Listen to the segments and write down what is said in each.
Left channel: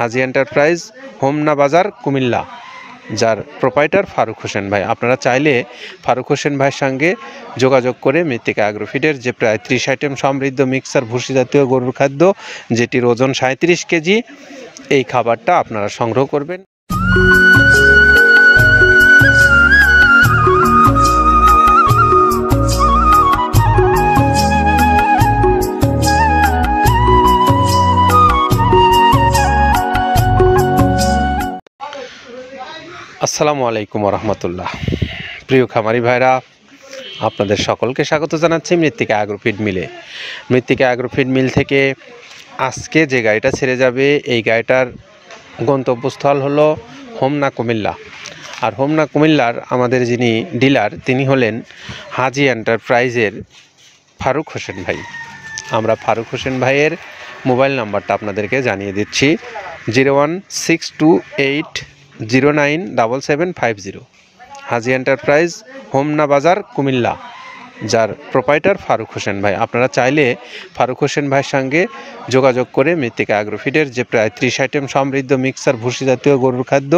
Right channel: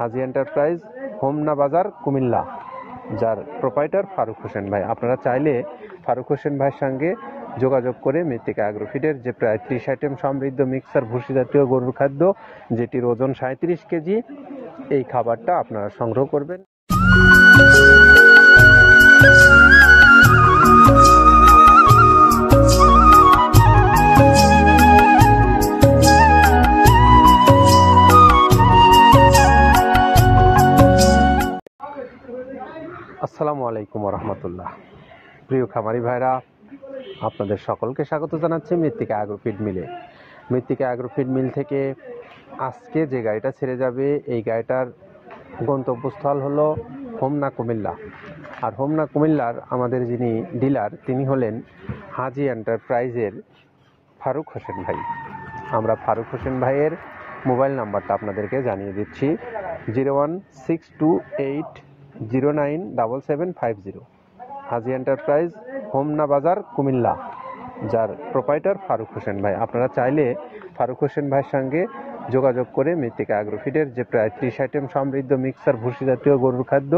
হাজি enterprise, Homna বাজার, কুমিল্লা, যার proprietor Faruk Hossain ভাই। আপনারা চাইলে ফারুক হোসেন ভাইয়ের সঙ্গে যোগাযোগ করে মৃত্তিকা অ্যাগ্রোফিডের যে প্রায় 30 আইটেম সমৃদ্ধ মিক্সার ভুসি জাতীয় গরুর খাদ্য, যেটির ওজন 37 কেজি, এই খাবারটা আপনারা সংগ্রহ করবেন। আসসালামু আলাইকুম রহমতুল্লাহ। প্রিয় খামারি ভাইরা, আপনাদের সকলকে স্বাগত জানাচ্ছি মৃত্তিকা অ্যাগ্রোফিড মিলে। মৃত্তিকা অ্যাগ্রোফিড মিল থেকে আজকে যে গাড়িটা ছেড়ে যাবে, এই গাড়িটার গন্তব্যস্থল হলো হোমনা কুমিল্লা। আর হোমনা কুমিল্লার আমাদের যিনি ডিলার, তিনি হলেন হাজি এন্টারপ্রাইজের ফারুক হোসেন ভাই। আমরা ফারুক হোসেন ভাইয়ের মোবাইল নাম্বারটা আপনাদেরকে জানিয়ে দিচ্ছি, 01628097750। হাজি এন্টারপ্রাইজ, হোমনা বাজার, কুমিল্লা, যার প্রোপাইটার ফারুক হোসেন ভাই। আপনারা চাইলে ফারুক হোসেন ভাইয়ের সঙ্গে যোগাযোগ করে মৃত্তিকা অ্যাগ্রোফিডের যে প্রায় 30 আইটেম সমৃদ্ধ মিক্সার ভুসি জাতীয় গরুর খাদ্য,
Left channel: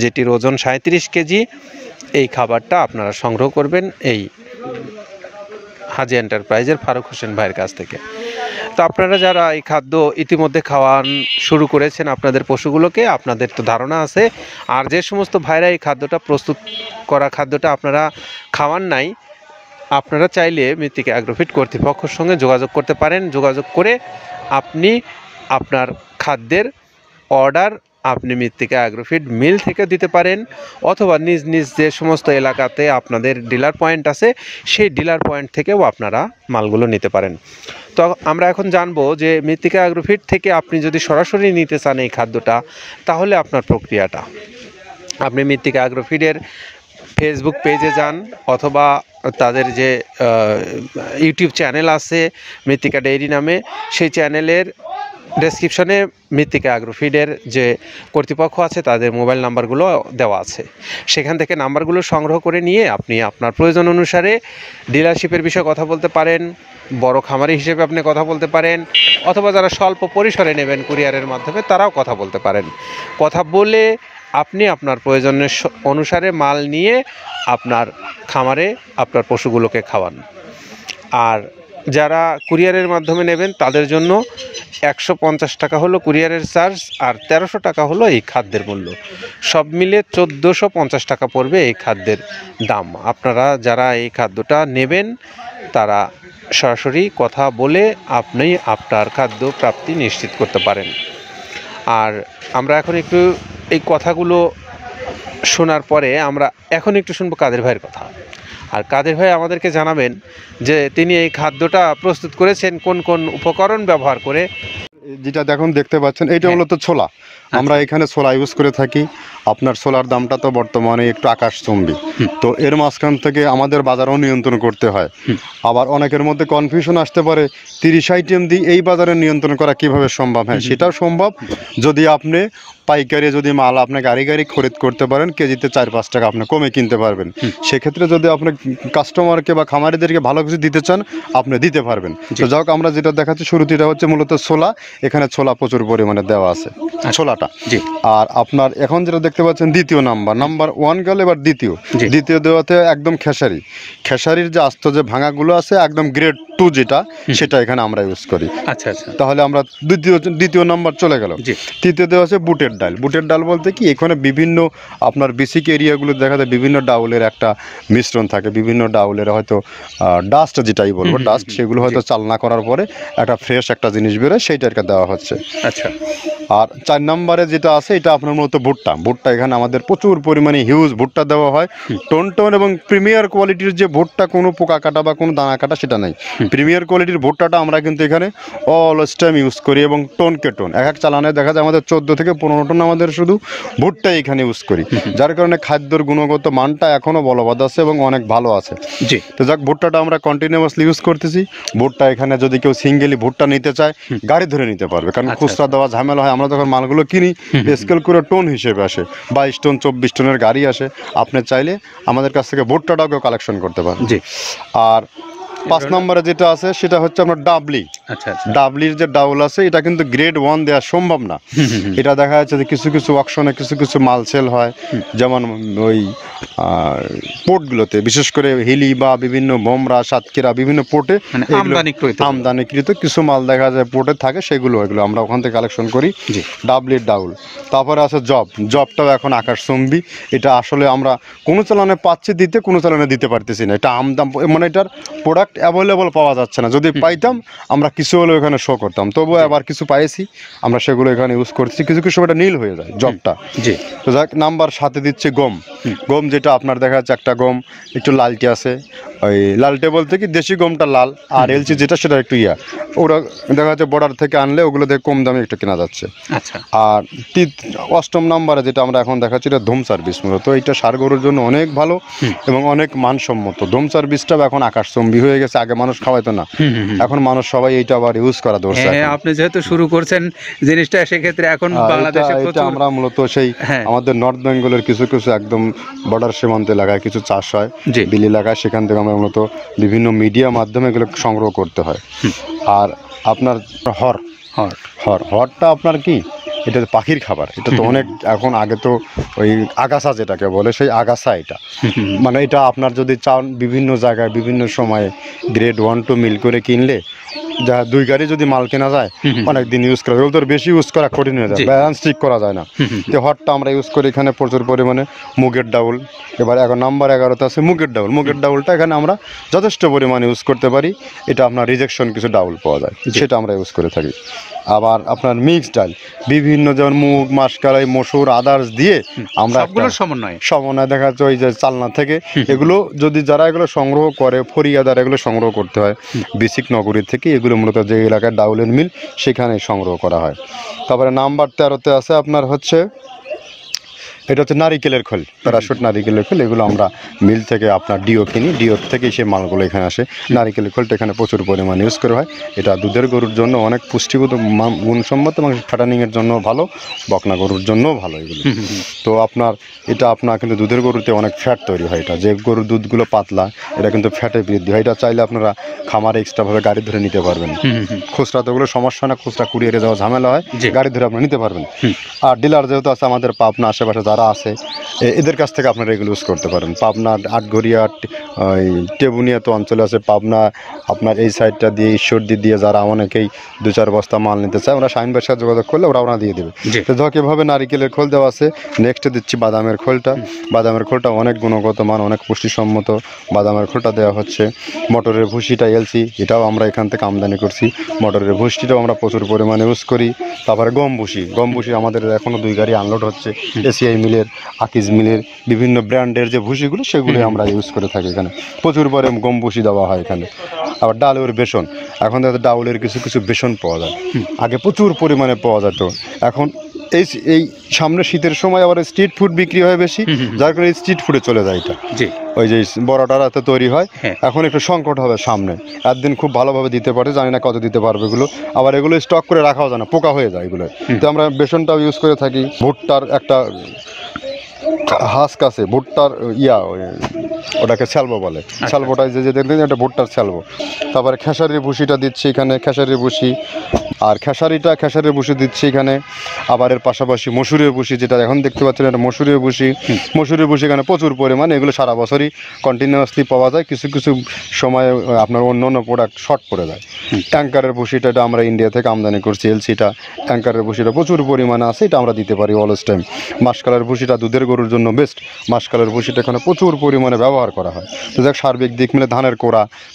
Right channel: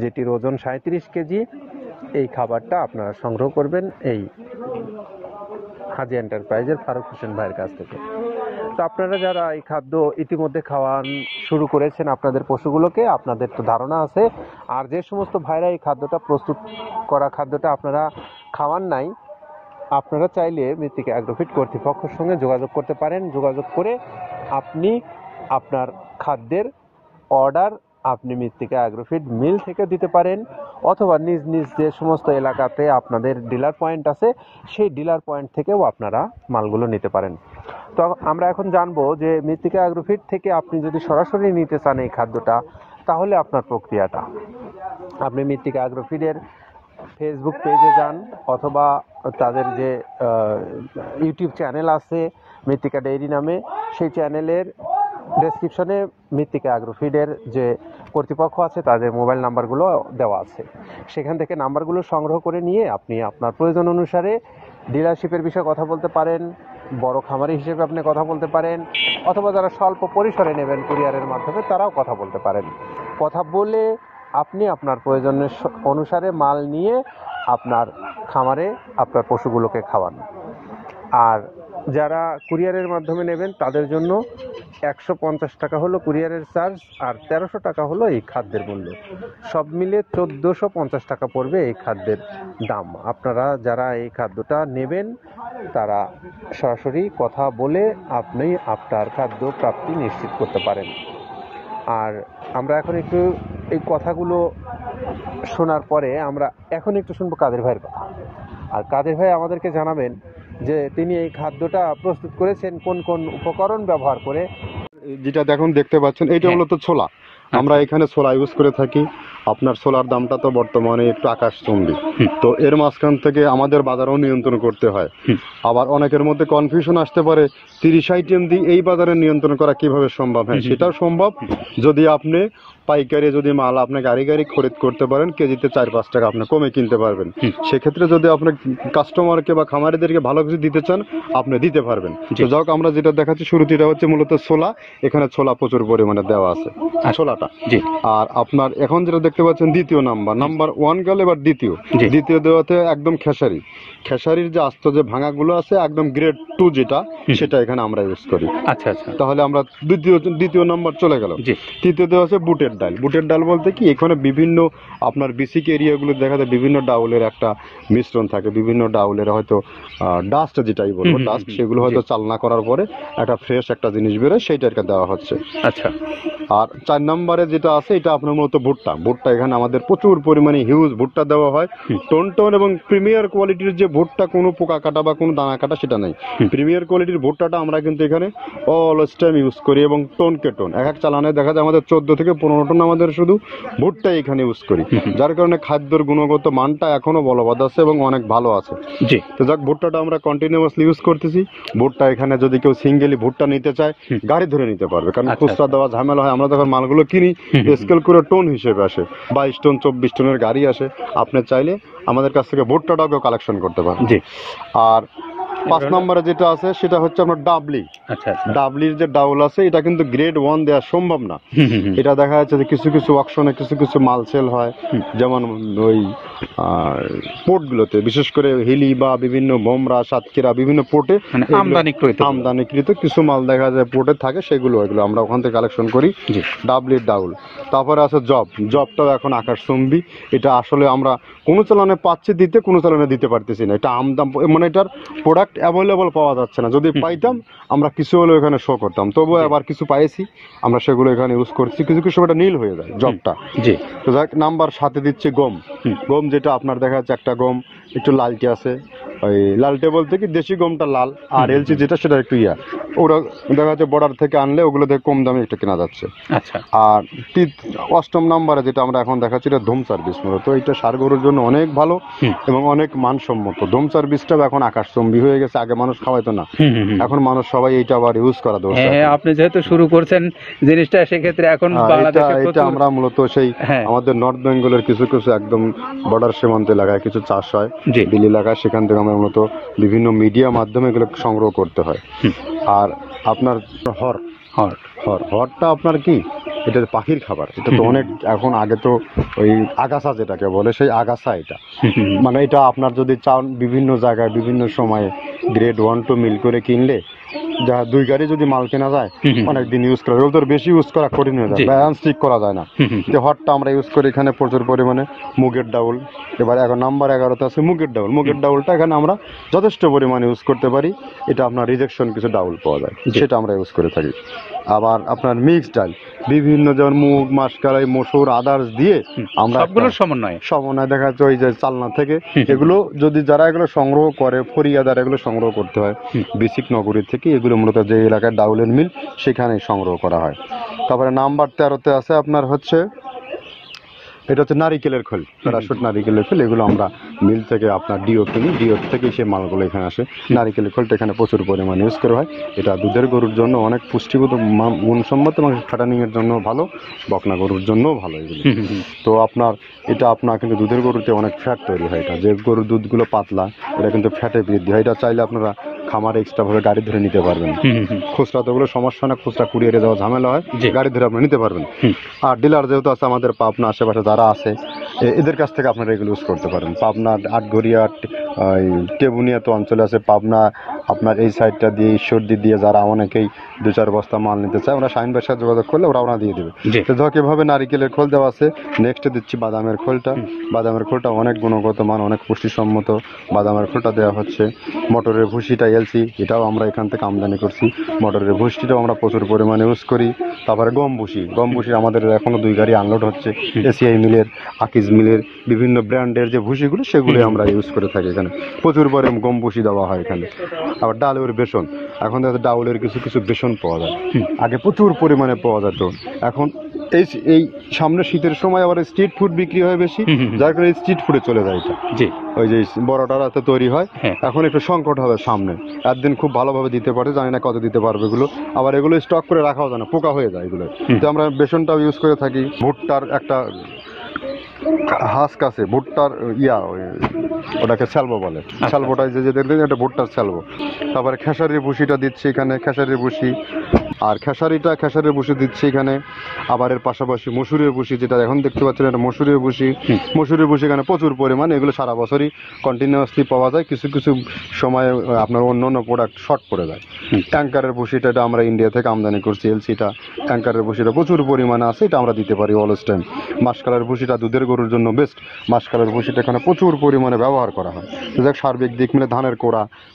যেটির ওজন 37 কেজি, এই খাবারটা আপনারা সংগ্রহ করবেন এই হাজি এন্টারপ্রাইজের ফারুক হোসেন ভাইয়ের কাছ থেকে। তো আপনারা যারা এই খাদ্য ইতিমধ্যে খাওয়ান শুরু করেছেন আপনাদের পশুগুলোকে, আপনাদের তো ধারণা আছে। আর যে সমস্ত ভাইরা এই খাদ্যটা প্রস্তুত করা খাদ্যটা আপনারা খাওয়ান নাই, আপনারা চাইলে মৃত্তিকা অ্যাগ্রোফিড কর্তৃপক্ষের সঙ্গে যোগাযোগ করতে পারেন। যোগাযোগ করে আপনি আপনার খাদ্যের অর্ডার আপনি মৃত্তিকা অ্যাগ্রোফিড মিল থেকে দিতে পারেন, অথবা নিজ নিজ যে সমস্ত এলাকাতে আপনাদের ডিলার পয়েন্ট আছে, সেই ডিলার পয়েন্ট থেকেও আপনারা মালগুলো নিতে পারেন। তো আমরা এখন জানবো যে মৃত্তিকা অ্যাগ্রোফিড থেকে আপনি যদি সরাসরি নিতে চান এই খাদ্যটা, তাহলে আপনার প্রক্রিয়াটা, আপনি মৃত্তিকা অ্যাগ্রোফিডের ফেসবুক পেজে যান, অথবা তাদের যে ইউটিউব চ্যানেল আছে মৃত্তিকা ডেইরি নামে, সেই চ্যানেলের ডেসক্রিপশনে মৃত্তিকা অ্যাগ্রোফিডের যে কর্তৃপক্ষ আছে তাদের মোবাইল নাম্বারগুলো দেওয়া আছে। সেখান থেকে নাম্বারগুলো সংগ্রহ করে নিয়ে আপনি আপনার প্রয়োজন অনুসারে ডিলারশিপের বিষয়ে কথা বলতে পারেন, বড় খামারি হিসেবে আপনি কথা বলতে পারেন, অথবা যারা স্বল্প পরিসরে নেবেন কুরিয়ারের মাধ্যমে, তারাও কথা বলতে পারেন। কথা বলে আপনি আপনার প্রয়োজনের অনুসারে মাল নিয়ে আপনার খামারে আপনার পশুগুলোকে খাওয়ান। আর যারা কুরিয়ারের মাধ্যমে নেবেন তাদের জন্য 150 টাকা হলো কুরিয়ারের চার্জ, আর 1300 টাকা হলো এই খাদ্যের মূল্য। সব মিলে 1450 টাকা পড়বে এই খাদ্যের দাম। আপনারা যারা এই খাদ্যটা নেবেন তারা সরাসরি কথা বলে আপনি আপনার খাদ্য প্রাপ্তি নিশ্চিত করতে পারেন। আর আমরা এখন একটু এই কথাগুলো শোনার পরে আমরা এখন একটু শুনবো কাদের ভাইয়ের কথা। আর কাদের ভাই আমাদেরকে জানাবেন যে তিনি এই খাদ্যটা প্রস্তুত করেছেন কোন কোন উপকরণ ব্যবহার করে। যেটা দেখতে পাচ্ছেন, এইটা মূলত ছোলা। আমরা এখানে ছোলা ইউজ করে থাকি। আপনার ছোলার দামটা তো বর্তমানে একটু আকাশচুম্বী, তো এর মাঝখান থেকে আমাদের বাজারও নিয়ন্ত্রণ করতে হয়। আবার অনেকের মধ্যে কনফিউশন আসতে পারে, 30 আইটেম দিয়ে এই বাজারে নিয়ন্ত্রণ করা কিভাবে সম্ভব? হ্যাঁ, সেটাও সম্ভব যদি আপনি পাইকারি যদি মাল আপনি গাড়ি খরিদ করতে পারেন, কেজিতে 4-5 টাকা আপনি কমে কিনতে পারবেন। সেক্ষেত্রে যদি আপনি কাস্টমারকে বা খামারিদেরকে ভালো কিছু দিতে চান, আপনি দিতে পারবেন। তো যাই হোক, আমরা যেটা দেখাচ্ছি শুরুতে, এটা হচ্ছে মূলত ছোলা। এখানে ছোলা প্রচুর পরিমাণে দেওয়া আছে, ছোলাটা। আর আপনার এখন যেটা দেখতে পাচ্ছেন দ্বিতীয় নাম্বার 1 গেল, এবার দ্বিতীয় দেওয়াতে একদম খেসারির যে আস্ত যে ভাঙাগুলো আছে, একদম গ্রেড 2 যেটা, সেটা এখানে আমরা ইউজ করি। আচ্ছা আচ্ছা, তাহলে আমরা দ্বিতীয় নাম্বার চলে গেল। তৃতীয় দেওয়া আছে বুটের ডাল বলতে কি, এখানে বিভিন্ন আপনার বেসিক এরিয়াগুলো দেখা যায় বিভিন্ন ডাউলের একটা মিশ্রণ থাকে, বিভিন্ন ডাউলের হয়তো ডাস্ট, যেটাই বলবো ডাস্ট, সেগুলো হয়তো চালনা করার পরে একটা ফ্রেশ একটা জিনিস বেরোয়, সেইটাকে দেওয়া হচ্ছে। আচ্ছা। আর 4 নম্বরে যেটা আছে, এটা আপনার মূলত ভুট্টা। এখানে আমাদের প্রচুর পরিমাণে হিউজ ভুট্টা দেওয়া হয়। টোন এবং প্রিমিয়ার কোয়ালিটির যে ভুট্টা, কোনো পোকা কাটা বা কোনো দানা কাটা সেটা নাই। প্রিমিয়ার কোয়ালিটির ভুট্টাটা আমরা কিন্তু এখানে অলওয়েজ টাইম ইউজ করি, এবং টোনকে টোন এক চালানে দেখা যায় আমাদের 14 থেকে 15 টন আমাদের শুধু ভুট্টাই এখানে ইউজ করি, যার কারণে খাদ্যের গুণগত মানটা এখনো বলবৎ আছে এবং অনেক ভালো আছে। জি, তো যাক, ভুট্টাটা আমরা কন্টিনিউয়াসলি ইউজ করতেছি। ভুট্টা এখানে যদি কেউ সিঙ্গেলি ভুট্টা নিতে চায়, গাড়ি ধরে নিতে পারবে, কারণ খুচরা দেওয়া ঝামেলা হয়। আমরা যখন মালগুলো কিনি, স্কেল করে টোন হিসেবে আসে, 22 টন 24 টনের গাড়ি আসে। আপনি চাইলে আমাদের কাছ থেকে ভুট্টাটাও কালেকশন করতে পারেন। জি। আর 5 নম্বরে যেটা আছে সেটা হচ্ছে আপনার ডাবলি। আচ্ছা আচ্ছা। ডাবলির যে ডাউল আছে এটা কিন্তু গ্রেড 1 দেওয়া সম্ভব না। এটা দেখা যাচ্ছে যে কিছু কিছু অকশনে কিছু কিছু মাল সেল হয়, যেমন ওই পোর্টগুলোতে, বিশেষ করে হিলি বা বিভিন্ন বোমরা, সাতক্ষীরা বিভিন্ন পোর্টে মানে আমদানিকৃত কিছু মাল দেখা যায় পোর্টে থাকে, সেগুলো এগুলো আমরা ওখান থেকে কালেকশন করি। ডাবলির ডাউল। তারপরে আছে জবটাও এখন আকাশচুম্বী। এটা আসলে আমরা কোনো চালানে পাচ্ছি দিতে, কোনো চালানে দিতে পারতেছি না। এটা আমদাম, মানে এটার প্রোডাক্ট অ্যাভেলেবল পাওয়া যাচ্ছে না। যদি পাইতাম আমরা কিছু হলেও এখানে শো করতাম, তবুও আবার কিছু পাইছি আমরা, সেগুলো এখানে ইউজ করছি। কিছু কিছু সময় নীল হয়ে যায় জবটা। তো যাক, নাম্বার 7 দিচ্ছে গম। গম যেটা আপনার দেখা যাচ্ছে একটা গম একটু লালটে আছে, ওই লালটে বলতে কি দেশি গমটা লাল, আর এলচি যেটা সেটা একটু ওরা দেখা যাচ্ছে বর্ডার থেকে আনলে ওগুলো থেকে কম দামে একটু কেনা যাচ্ছে। আচ্ছা। আর 8ম নাম্বারে যেটা আমরা এখন দেখাচ্ছি এটা ধুম সার্ভিস। মূলত এটা ষাঁড় গরুর জন্য অনেক ভালো এবং অনেক মানসম্মত। ধুম সার্ভিসটাও এখন আকাশচুম্বী হয়ে গেছে। আগে মানুষ খাওয়াইতো না, এখন মানুষ সবাই এইটা আবার ইউজ করা ধরছে। আপনি যেহেতু শুরু করছেন জিনিসটা, সেক্ষেত্রে এখন বাংলাদেশে এটা আমরা মূলত সেই আমাদের নর্থ বেঙ্গলের কিছু কিছু একদম বর্ডার সীমান্ত এলাকায় কিছু চাষ হয়, বিল এলাকায়, সেখান থেকে আমরা মূলত বিভিন্ন মিডিয়া মাধ্যমে এগুলো সংগ্রহ করতে হয়। আর আপনার হরটা আপনার কি, এটা পাখির খাবার। এটা তো অনেক এখন, আগে তো ওই আগাছা যেটাকে বলে সেই আগাছা এটা, মানে এটা আপনার যদি চান বিভিন্ন জায়গায় বিভিন্ন সময়ে গ্রেড 1 2 মিল করে কিনলে যা 2 গাড়ি যদি মাল কেনা যায় অনেক দিন ইউজ করা যায়। ওদের বেশি ইউজ করা কঠিন হয়ে যায়, ব্যালেন্স ঠিক করা যায় না। তো হটটা আমরা ইউজ করি এখানে প্রচুর পরিমাণে। মুগের ডাউল, এবার নাম্বার 11তে আছে মুগের ডাউল। মুগের ডাউলটা এখানে আমরা যথেষ্ট পরিমাণে ইউজ করতে পারি। এটা আপনার রিজেকশন কিছু ডাউল পাওয়া যায়, সেটা আমরা ইউজ করে থাকি। আবার আপনার মিক্স ডাল, বিভিন্ন যেমন মুগ, মাসকলাই, মসুর, আদার্স দিয়ে আমরা সবগুলোর সমন্বয় দেখা যাচ্ছে ওই যে চালনা থেকে এগুলো যদি যারা এগুলো সংগ্রহ করে, ফরিয়াদার এগুলো সংগ্রহ করতে হয় বেসিক নগরী থেকে। এগুলো মূলত যে এলাকায় ডাউলের মিল সেখানে সংগ্রহ করা হয়। তারপরে নাম্বার 13তে আছে আপনার হচ্ছে, এটা হচ্ছে নারিকেলের খোল, প্যারাশুট নারিকেলের খোল। এগুলো আমরা মিল থেকে আপনার ডিও কিনি, ডিও থেকে সেই মালগুলো এখানে আসে। নারিকেলের খোলটা এখানে প্রচুর পরিমাণে ইউজ করা হয়। এটা দুধের গরুর জন্য অনেক পুষ্টিগত গুণসম্মত এবং ফ্যাটানিংয়ের জন্য ভালো, বকনা গরুর জন্যও ভালো এগুলো। তো আপনার এটা আপনার কিন্তু দুধের গরুতে অনেক ফ্যাট তৈরি হয়। এটা যে গরুর দুধগুলো পাতলা, এটা কিন্তু ফ্যাটে বৃদ্ধি হয়। এটা চাইলে আপনারা খামারে এক্সট্রাভাবে গাড়ি ধরে নিতে পারবেন। খুচরা তো ওগুলো সমস্যা না, খুচরা কুরিয়ারে যাওয়া ঝামেলা হয়, গাড়ি ধরে আপনারা নিতে পারবেন। আর ডিলার যেহেতু আছে আমাদের পাবনা আশেপাশে যারা আছে, এদের কাছ থেকে আপনারা এগুলো ইউজ করতে পারেন। পাবনা, আটঘরিয়া, ওই টেবুনিয়া তো অঞ্চলে আছে, পাবনা আপনার এই সাইডটা দিয়ে ঈশ্বরদী দিয়ে যারা অনেকেই 2-4 বস্তা মাল নিতে চায়, ওরা শাহিন ভাইয়ের সাথে যোগাযোগ করলে ওরা দিয়ে দেবে। তো ধরো এভাবে নারিকেলের খোল দেওয়া আছে। নেক্সটে দিচ্ছি বাদামের খোলটা। বাদামের খোলটা অনেক গুণগত মান, অনেক পুষ্টিসম্মত। বাদামের খোলটা দেওয়া হচ্ছে। মটরের ভুসিটা এলসি, এটাও আমরা এখান থেকে আমদানি করছি। মটরের ভুসিটাও আমরা প্রচুর পরিমাণে ইউজ করি। তারপরে গম ভুসি আমাদের এখনও 2 গাড়ি আনলোড হচ্ছে এসিআই মিলের, আকিজ মিলের, বিভিন্ন ব্র্যান্ডের যে ভুসিগুলো সেগুলো আমরা ইউজ করে থাকি। এখানে প্রচুর পরিমাণে গম ভুসি দেওয়া হয় এখানে। আবার ডালের বেসন, এখন ডাউলের কিছু কিছু বেসন পাওয়া যায়, আগে প্রচুর পরিমাণে পাওয়া যেত। এখন এই সামনে শীতের সময় আবার স্ট্রিট ফুড বিক্রি হয় বেশি, যার কারণে স্ট্রিট ফুডে চলে যায় এটা। ওই যে বড়টারাতে তৈরি হয়, এখন একটু সংকট হবে সামনে। একদিন খুব ভালোভাবে দিতে পারে, জানি না কত দিতে পারবে এগুলো। আবার এগুলো স্টক করে রাখাও যায় না, পোকা হয়ে যায় এগুলো। তো আমরা বেসনটাও ইউজ করে থাকি। ভুট্টার একটা হাস্ক আছে, ভুট্টার ওটাকে স্যালবো বলে, স্যালবোটাই যে দেখবেন এটা ভুট্টার স্যালবো। তারপরে খেসারির ভুসিটা দিচ্ছি এখানে, খেসারির ভুসি। আর খেসারির ভুসি দিচ্ছি এখানে। আবার এর পাশাপাশি মসুরের ভুসি, যেটা এখন দেখতে পাচ্ছেন এটা মসুরের ভুসি এখানে প্রচুর পরিমাণে। এগুলো সারা বছরই কন্টিনিউয়াসলি পাওয়া যায়, কিছু কিছু সময় আপনার অন্য প্রোডাক্ট শর্ট পড়ে যায়। ট্যাঙ্কারের ভুসিটা এটা আমরা ইন্ডিয়া থেকে আমদানি করছি, এলসিটা। ট্যাঙ্কারের ভুসিটা প্রচুর পরিমাণে আছে, এটা আমরা দিতে পারি অলওয়েজ টাইম। মাসকালের ভুসিটা দুধের গরুর জন্য বেস্ট। মাসকালের ভুসিটা এখানে প্রচুর পরিমাণে ব্যবহার করা হয়। তো যাক, সার্বিক দিক মিলে ধানের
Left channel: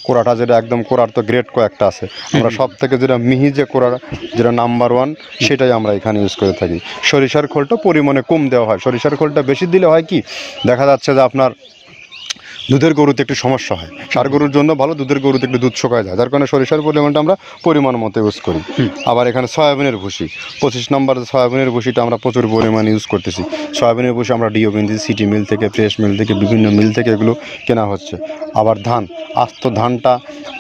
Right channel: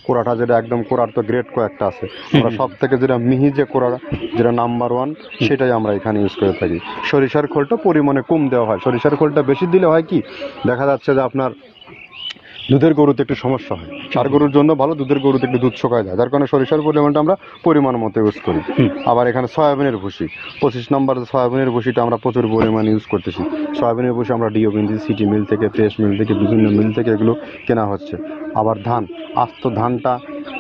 কোড়াটা যেটা একদম কোড়ার তো গ্রেড কয়েকটা আছে, আমরা সব থেকে যেটা মিহি যে কোড়া, যেটা নাম্বার 1, সেটাই আমরা এখানে ইউজ করে থাকি। সরিষার খোলটা পরিমাণে কম দেওয়া হয়। সরিষার খোলটা বেশি দিলে হয় কি, দেখা যাচ্ছে যে আপনার দুধের গরুতে একটু সমস্যা হয়। ষাঁড় গরুর জন্য ভালো, দুধের গরুতে একটু দুধ শুকায় যায়, যার কারণে সরিষার পরিমাণটা আমরা পরিমাণ মতো ইউজ করি। আবার এখানে সয়াবিনের ভুসি, 25 নম্বর সয়াবিনের ভুসিটা আমরা প্রচুর পরিমাণে ইউজ করতেছি। সয়াবিনের ভুসি আমরা ডিও কিনতেছি সিটি মিল থেকে, ফ্রেশ মিল থেকে, বিভিন্ন মিল থেকে এগুলো কেনা হচ্ছে। আবার আস্ত ধানটা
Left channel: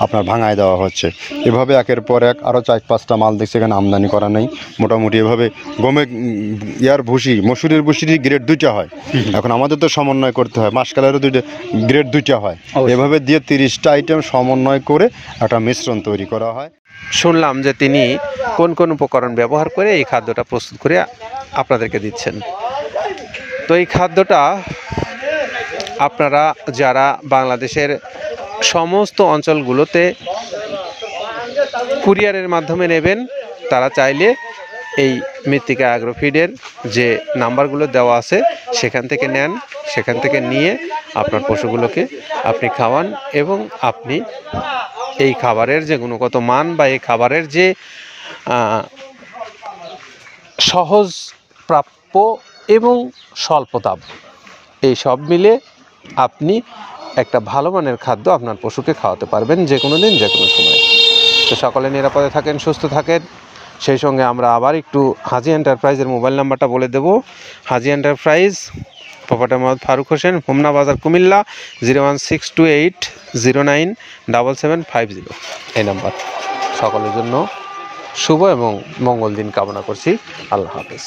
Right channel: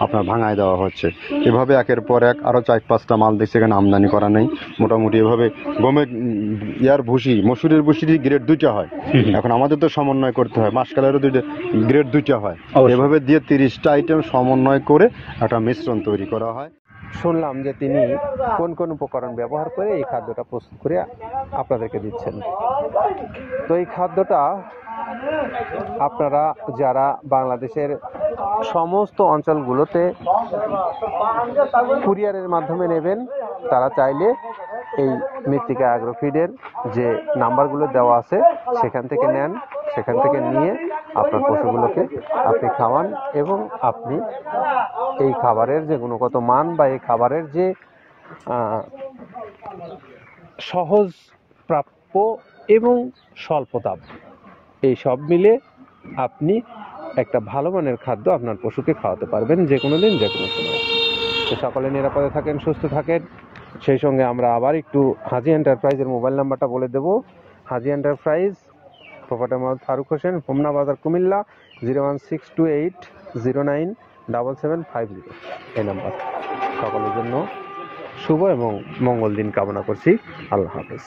আপনার ভাঙায় দেওয়া হচ্ছে। এভাবে একের পর এক আরও 4-5টা মাল দেখছি এখানে আমদানি করা নেই। মোটামুটি এভাবে মসুরের ভুসির গ্রেড 2টা হয়। এখন আমাদের তো সমন্বয় করতে হয়, মাসকালেরও 2টা গ্রেড গ্রেড দুইটা হয়, অবশ্যই। এভাবে দিয়ে 30টা আইটেম সমন্বয় করে একটা মিশ্রণ তৈরি করা হয়। শুনলাম যে তিনি কোন কোন উপকরণ ব্যবহার করে এই খাদ্যটা প্রস্তুত করে আপনাদেরকে দিচ্ছেন। তো এই খাদ্যটা আপনারা যারা বাংলাদেশের সমস্ত অঞ্চলগুলোতে কুরিয়ারের মাধ্যমে নেবেন, তারা চাইলে এই মৃত্তিকা অ্যাগ্রোফিডের যে নাম্বারগুলো দেওয়া আছে সেখান থেকে নেন, সেখান থেকে নিয়ে আপনার পশুগুলোকে আপনি খাওয়ান এবং আপনি এই খাবারের যে গুণগত মান বা এই খাবারের যে সহজ প্রাপ্য এবং স্বল্প দাম, এই সব মিলে আপনি একটা ভালো মানের খাদ্য আপনার পশুকে খাওয়াতে পারবেন যে কোনো দিন যে কোনো সময়। তো সকলে নিরাপদে থাকেন, সুস্থ থাকেন। সেই সঙ্গে আমরা আবার একটু হাজি এন্টারপ্রাইজের মোবাইল নাম্বারটা বলে দেব। হাজি এন্টারপ্রাইজ, প্রোপাইটার মোহাম্মদ ফারুক হোসেন, হোমনা বাজার, কুমিল্লা, 01628097750 এই নাম্বার। সকলের জন্য শুভ এবং মঙ্গল দিন কামনা করছি। আল্লাহ হাফেজ।